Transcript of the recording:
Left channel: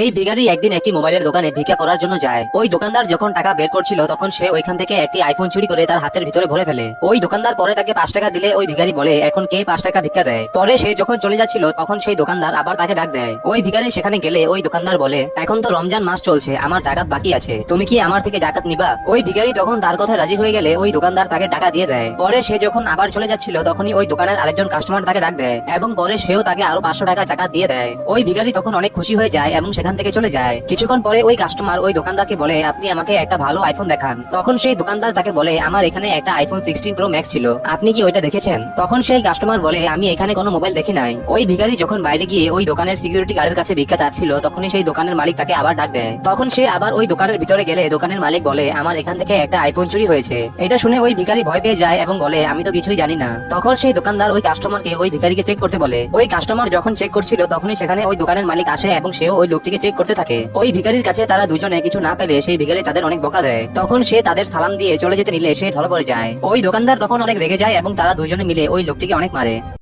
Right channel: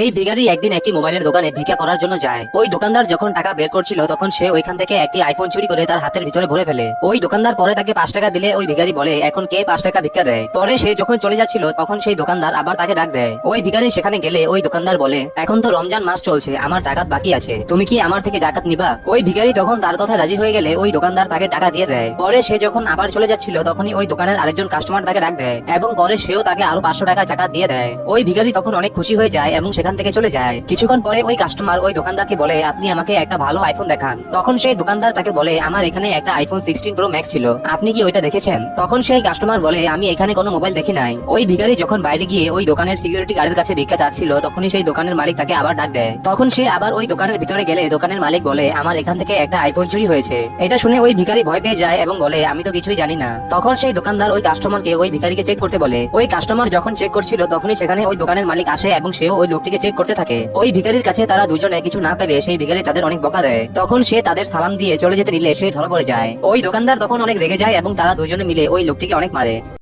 এই ভিখারি একদিন একটি মোবাইলের দোকানে ভিক্ষা করার জন্য যায়। ওই দোকানদার যখন টাকা বের করছিল তখন সে ওইখান থেকে একটি আইফোন চুরি করে তার হাতের ভিতরে ভরে ফেলে। ওই দোকানদার পরে তাকে 5 টাকা দিলে ওই ভিখারি বলে এখন কে 5 টাকা ভিক্ষা দেয়। পরে সে যখন চলে যাচ্ছিল তখন সেই দোকানদার আবার তাকে ডাক দেয়। ওই ভিখারি সেখানে গেলে ওই দোকানদার বলে এখন তো রমজান মাস চলছে, আমার জাকাত বাকি আছে, তুমি কি আমার থেকে জাকাত নিবা? ওই ভিখারি তখন তার কথা রাজি হয়ে গেলে ওই দোকানদার তাকে টাকা দিয়ে দেয়। পরে সে যখন আবার চলে যাচ্ছিল তখনই ওই দোকানের আরেকজন কাস্টমার তাকে ডাক দেয় এবং পরে সেও তাকে আরো 500 টাকা জাকাত দিয়ে দেয়। ওই ভিখারি তখন অনেক খুশি হয়ে যায় এবং সেখান থেকে চলে যায়। কিছুক্ষণ পরে ওই কাস্টমার ওই দোকানদারকে বলে আপনি আমাকে একটা ভালো আইফোন দেখান। তখন সেই দোকানদার তাকে বলে আমার এখানে একটা আইফোন 16 প্রো ম্যাক্স ছিল, আপনি কি ওইটা দেখেছেন? তখন সেই কাস্টমার বলে আমি এখানে কোনো মোবাইল দেখি নাই। ওই ভিখারি যখন বাইরে গিয়ে ওই দোকানের সিকিউরিটি গার্ডের কাছে ভিক্ষা চাচ্ছিল তখনই সেই দোকানের মালিক তাকে আবার ডাক দেয়। তখন সে আবার ওই দোকানের ভিতরে গেলে দোকানের মালিক বলে আমার এখান থেকে একটা আইফোন চুরি হয়েছে। এটা শুনে ওই ভিখারি ভয় পেয়ে যায় এবং বলে আমি তো কিছুই জানি না। তখন সেই দোকানদার ওই কাস্টমারকে ওই ভিখারিকে চেক করতে বলে। ওই কাস্টমার যখন চেক করছিল তখনই সেখানে ওই দোকানের মালিক আসে এবং সেও ওই লোকটিকে চেক করতে থাকে। ওই ভিখারির কাছে তারা দুজনে কিছু না পেলে সেই ভিখারি তাদের অনেক বকা দেয়। তখন সে তাদের সালাম দিয়ে চলে যেতে নিলে সে ধরা পড়ে যায়। ওই দোকানদার তখন অনেক রেগে যায় এবং তারা দুজনে মিলে ওই লোকটিকে অনেক মারে।